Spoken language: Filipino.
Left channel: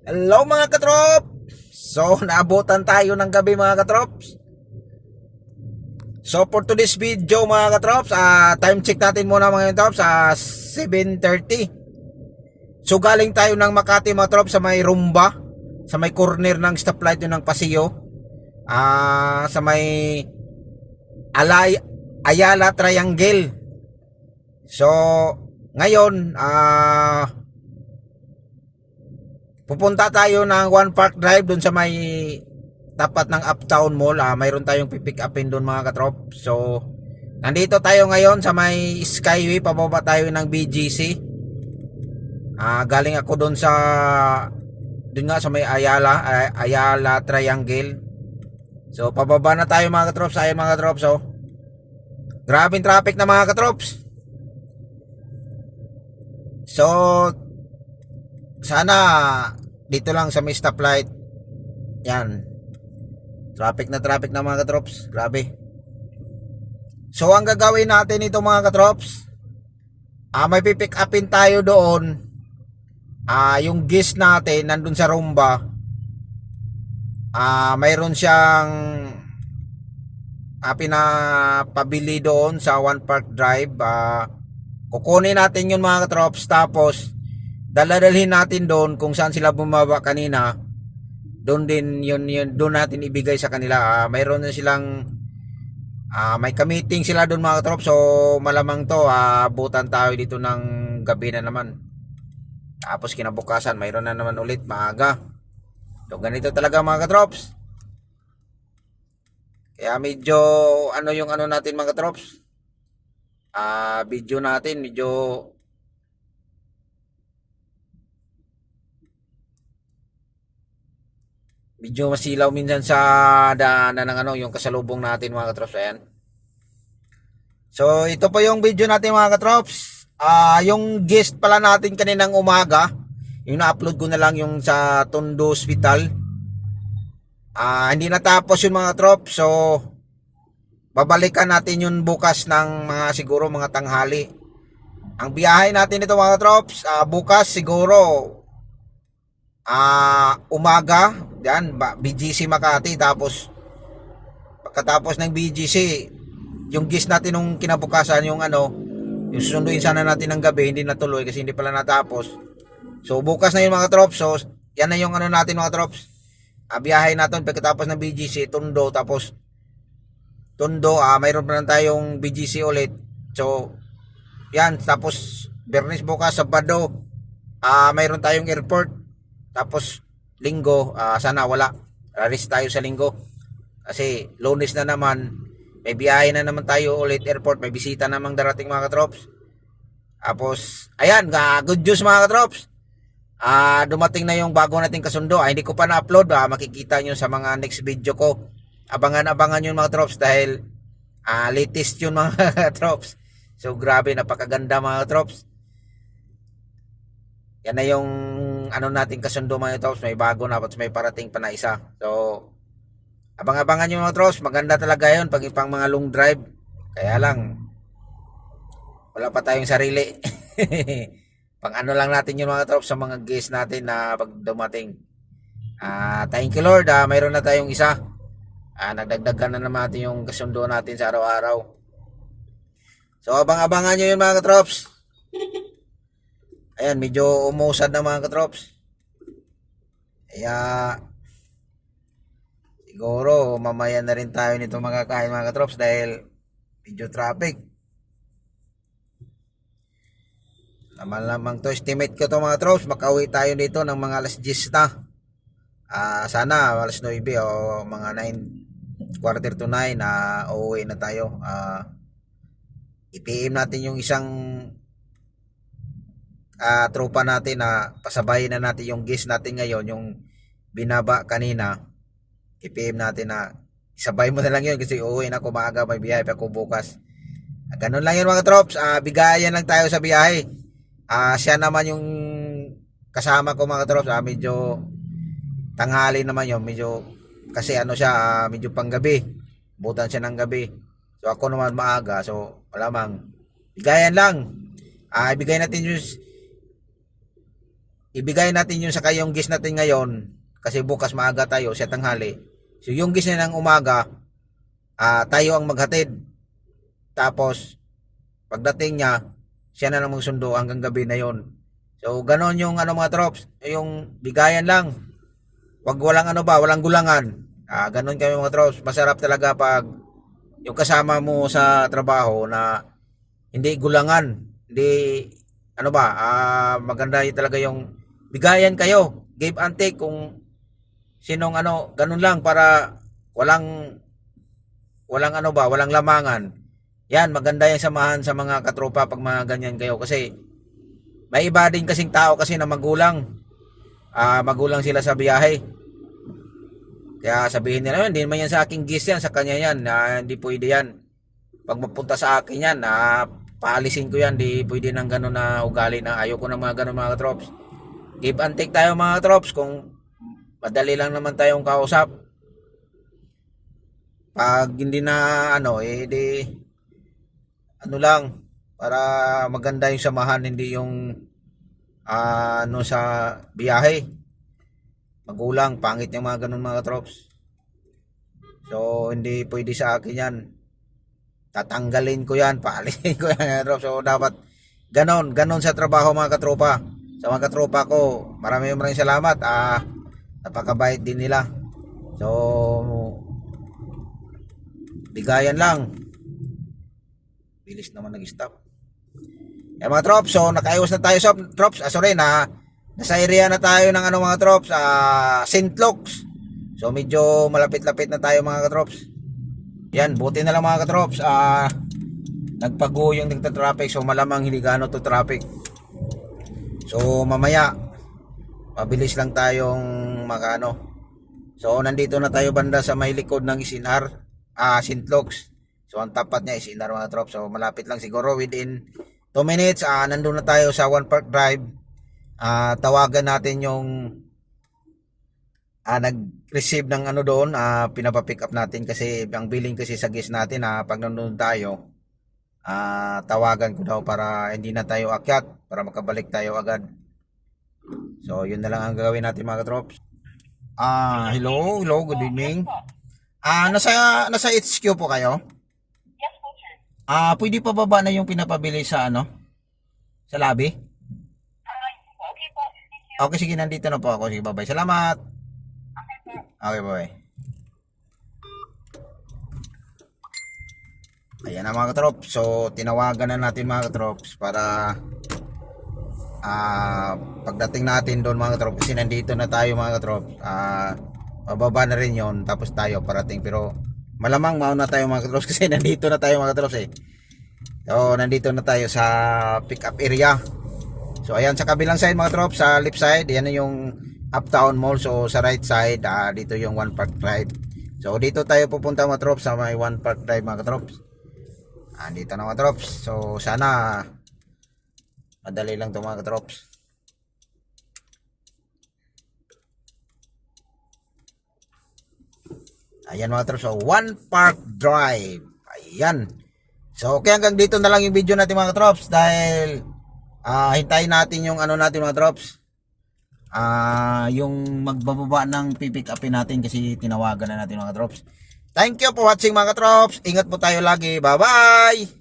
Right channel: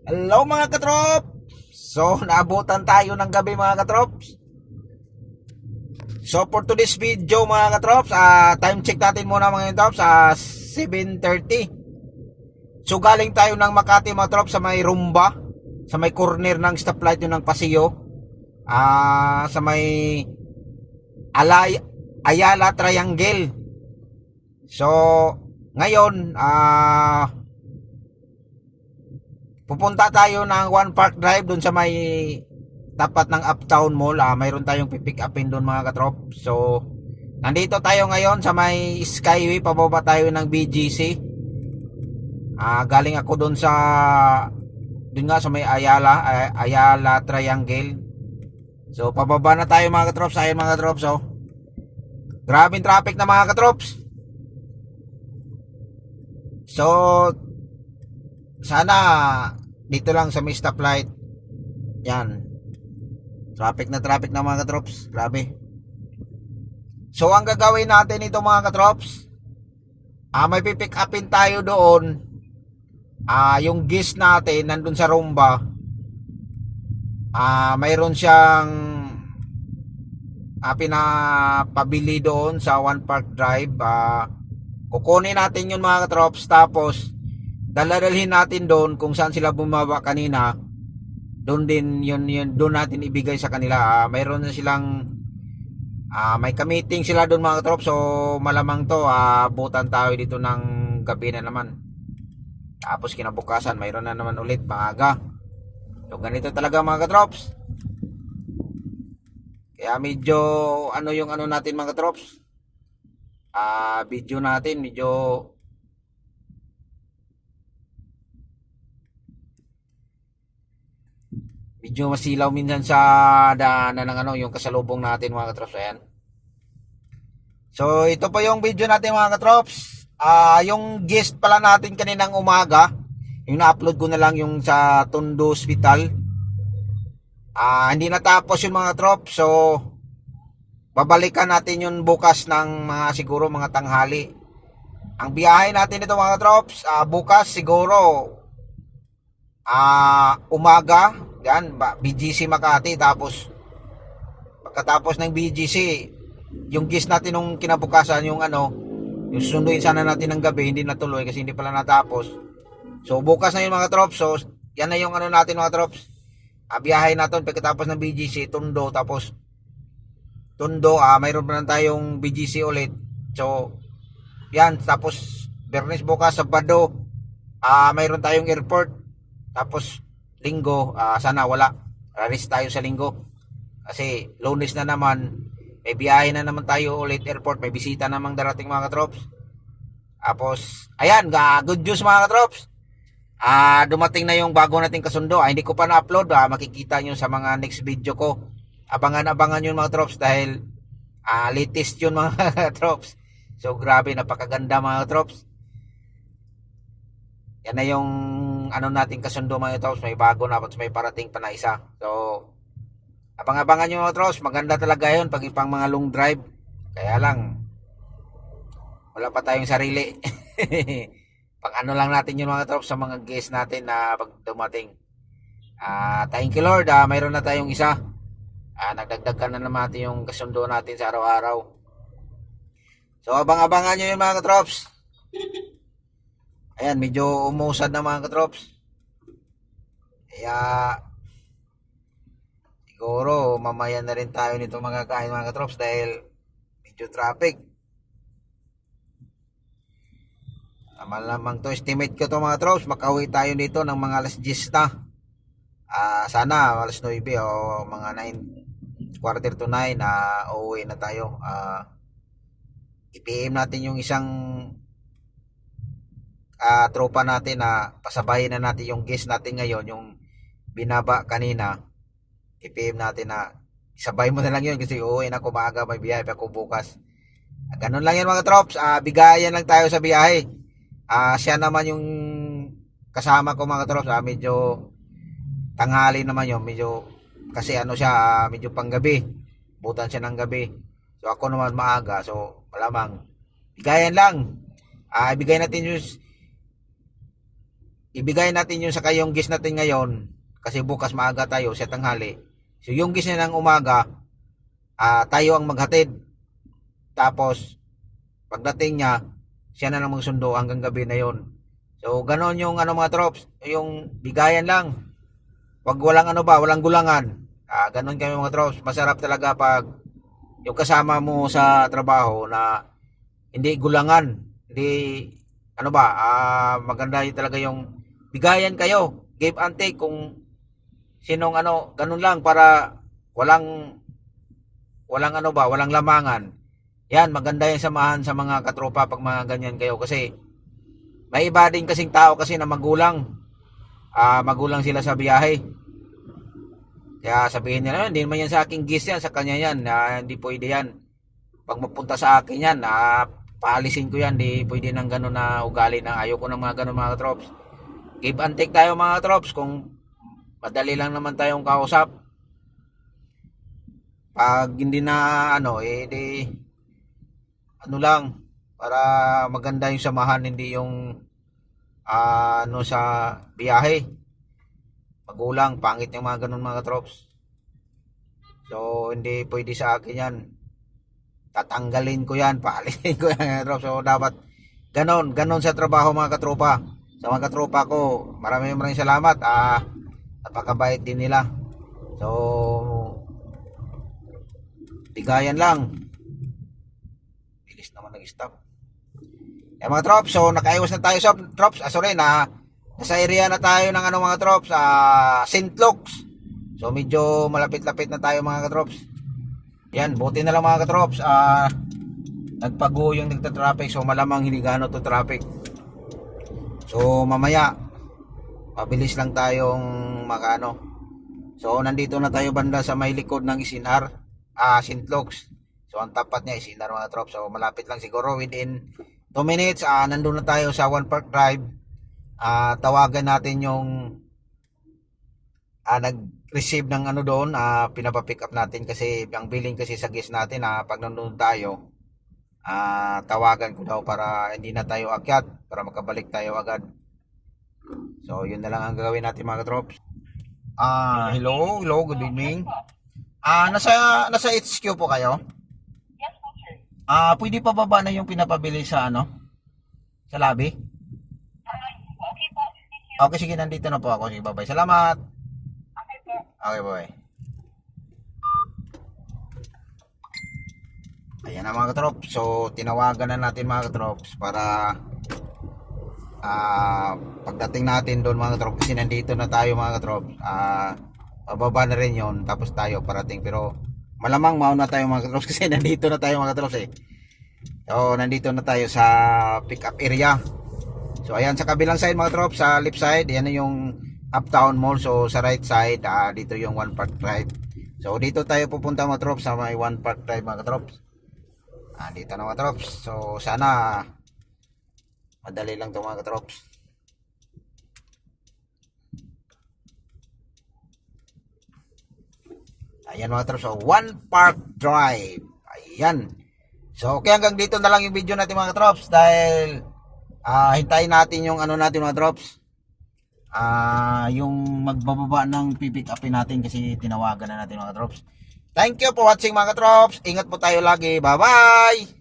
Hello mga katrop! So, naabutan tayo ng gabi mga katrops. So, for today's video mga katrops, time check natin muna mga katrops, 7:30. So, galing tayo ng Makati mga katrops sa may Rumba, sa may corner ng stoplight yun ng Paseo, sa may Ayala Triangle. So, ngayon, pupunta tayo ng One Park Drive dun sa may tapat ng Uptown Mall. Mayroon tayong pipick upin dun mga katrop. So, nandito tayo ngayon sa may Skyway. Pababa tayo ng BGC. Galing ako dun dun nga sa may Ayala Triangle. So, pababa na tayo mga katrops. Ayun mga katrops. So, grabing traffic na mga katrops. So, sana dito lang sa may stoplight. Yan. Traffic na mga katrops. Grabe. So ang gagawin natin ito mga katrops, may pipick upin tayo doon. Yung guest natin nandun sa Rumba. Mayroon siyang pinapabili doon sa One Park Drive. Kukunin natin yun mga katrops. Tapos daladalhin natin doon kung saan sila bumaba kanina. Doon din yun doon natin ibigay sa kanila. Mayroon na silang may ka-meeting sila doon mga katrop. So malamang to abutan tayo dito ng gabi na naman. Tapos kinabukasan mayroon na naman ulit maaga. So ganito talaga mga katrops. Kaya medyo yung natin mga katrops. Video natin medyo masilaw minsan sa daanan ng yung kasalubong natin mga katrops. Ayan. So ito po yung video natin mga katrops. Yung guest pala natin kaninang umaga, yung na-upload ko na lang yung sa Tondo Hospital. Hindi natapos yung mga katrops. So babalikan natin yun bukas ng siguro mga tanghali. Ang biyahe natin ito mga katrops, bukas siguro umaga yan, BGC Makati. Tapos pagkatapos ng BGC, yung guest natin nung kinabukasan, yung susunduin sana natin ng gabi, hindi natuloy kasi hindi pala natapos. So bukas na yun mga trops. So yan na yung natin mga trops. Biyahe natin pagkatapos ng BGC Tondo. Tapos Tondo, mayroon pa lang tayong BGC ulit. So yan, tapos Bernes bukas, Sabado, mayroon tayong airport. Tapos Linggo, sana wala, rest tayo sa Linggo kasi Lunes na naman may biyahe na naman tayo ulit airport, may bisita namang darating mga katrops. Tapos ayan, good news mga katrops, dumating na yung bago nating kasundo. Hindi ko pa na-upload, makikita nyo sa mga next video ko. Abangan yun mga katrops dahil latest yun mga katrops. So grabe, napakaganda mga katrops. Yan na yung natin kasundo mga katrops. May bago na, may parating pa na isa. So abang-abangan nyo mga katrops. Maganda talaga yun pag ipang mga long drive. Kaya lang wala pa tayong sarili. Pang lang natin yun mga katrops sa mga guests natin na pag dumating. Thank you Lord, mayroon na tayong isa. Nagdagdagan na naman natin yung kasundo natin sa araw-araw. So abang-abangan nyo yun mga katrops. Ayan, medyo umusad na mga katrops. Kaya siguro mamaya na rin tayo nito makakain mga katrops dahil medyo traffic. Malamang to, estimate ko to mga katrops, makauwi tayo dito ng mga alas 10 na. Sana alas 9 o mga 9, quarter to 9 na uuwi na tayo. I-PM natin yung isang tropa natin na pasabayin na natin yung guest natin ngayon, yung binaba kanina. I-PM natin na isabay mo na lang yun kasi uuwi na ako maaga, may biyahe pa ako bukas. Ganun lang yun mga trops, bigayan lang tayo sa biyahe. Siya naman yung kasama ko mga trops, medyo tanghali naman yun, medyo kasi siya, medyo panggabi, butan siya ng gabi. So ako naman maaga, so malamang bigayan lang. Ibigay natin yung ibigay natin yung sa kayong gis natin ngayon kasi bukas maaga tayo sa tanghali. So yung gis niya ng umaga, tayo ang maghatid. Tapos pagdating niya, siya na lang magsundo hanggang gabi na yon. So ganon yung ano mga trops, yung bigayan lang. Wag walang ano ba, walang gulangan. Ganon kami mga trops. Masarap talaga pag yung kasama mo sa trabaho na hindi gulangan, hindi ano ba, maganda yun talaga yung bigayan kayo, give and take kung sinong ano, ganun lang para walang walang ano ba, walang lamangan. Yan, maganda yung samahan sa mga katropa pag mga ganyan kayo kasi may iba din kasing tao kasi na magulang. Magulang sila sa biyahe. Kaya sabihin nila, hindi naman yan sa aking gis yan, sa kanya yan, hindi pwede yan. Pag mapunta sa akin yan, paalisin ko yan, di pwede ng gano'n na ugali na ayoko ng mga gano'n mga trops. Give and take tayo mga trops, kung madali lang naman tayong kausap. Pag hindi na ano, di ano lang, para maganda yung samahan, hindi yung ano sa biyahe. Magulang, pangit yung mga gano'n mga trops. So, hindi pwede sa akin yan. Tatanggalin ko yan, paalisin ko yan. So dapat ganon sa trabaho mga katropa. Sa mga katropa ko, maraming salamat. Napakabait din nila. So bigayan lang. Bilis naman nag-stop. Mga trops, so nakaiwas na tayo sa trops. Sorry na, nasa area na tayo ng ano mga trops, St. Luke's. So medyo malapit-lapit na tayo mga katrops. Yan, buti na lang mga katrops, nagpago yung nagta-traffic, so malamang hindi gaano to traffic. So mamaya mabilis lang tayong makano. So nandito na tayo banda sa may likod ng Isinar, St. Luke's. So ang tapat niya Isinar mga katrops. So malapit lang siguro within 2 minutes, nandun na tayo sa One Park Drive. Tawagan natin yung nag-receive ng ano doon, pinapapick up natin kasi ang billing kasi sa gas natin, pag nandun tayo, tawagan ko daw para hindi na tayo akyat, para makabalik tayo agad. So yun na lang ang gagawin natin mga katrops. Hello, good evening. Nasa HQ po kayo? Yes po, sir. Pwede pa baba na yung pinapabili sa ano? Sa lobby? Okay po. Thank you. Okay, sige, nandito na po ako. Sige, bye-bye. Salamat. Okay po. Okay, bye. Ayan na mga katrops. So tinawagan na natin mga katrops para pagdating natin doon mga katrops, kasi nandito na tayo mga katrops, pababa na rin yon, tapos tayo parating, pero malamang mauna tayo mga katrops kasi nandito na tayo mga katrops So nandito na tayo sa pick up area. So ayan sa kabilang side mga katrops, sa left side yan na yung Uptown Mall. So sa right side, dito yung One Park Drive. So dito tayo pupunta mga katrops sa may One Park Drive mga katrops. Dito na mga katrops. So sana madali lang ito mga katrops. Ayan mga katrops. So One Park Drive. Ayan. So okay, hanggang dito na lang yung video natin mga katrops, dahil hintayin natin yung ano natin mga katrops, yung magbababa ng pipick upin natin kasi tinawagan na natin mga katrops. Thank you for watching mga katrops. Ingat po tayo lagi. Bye bye.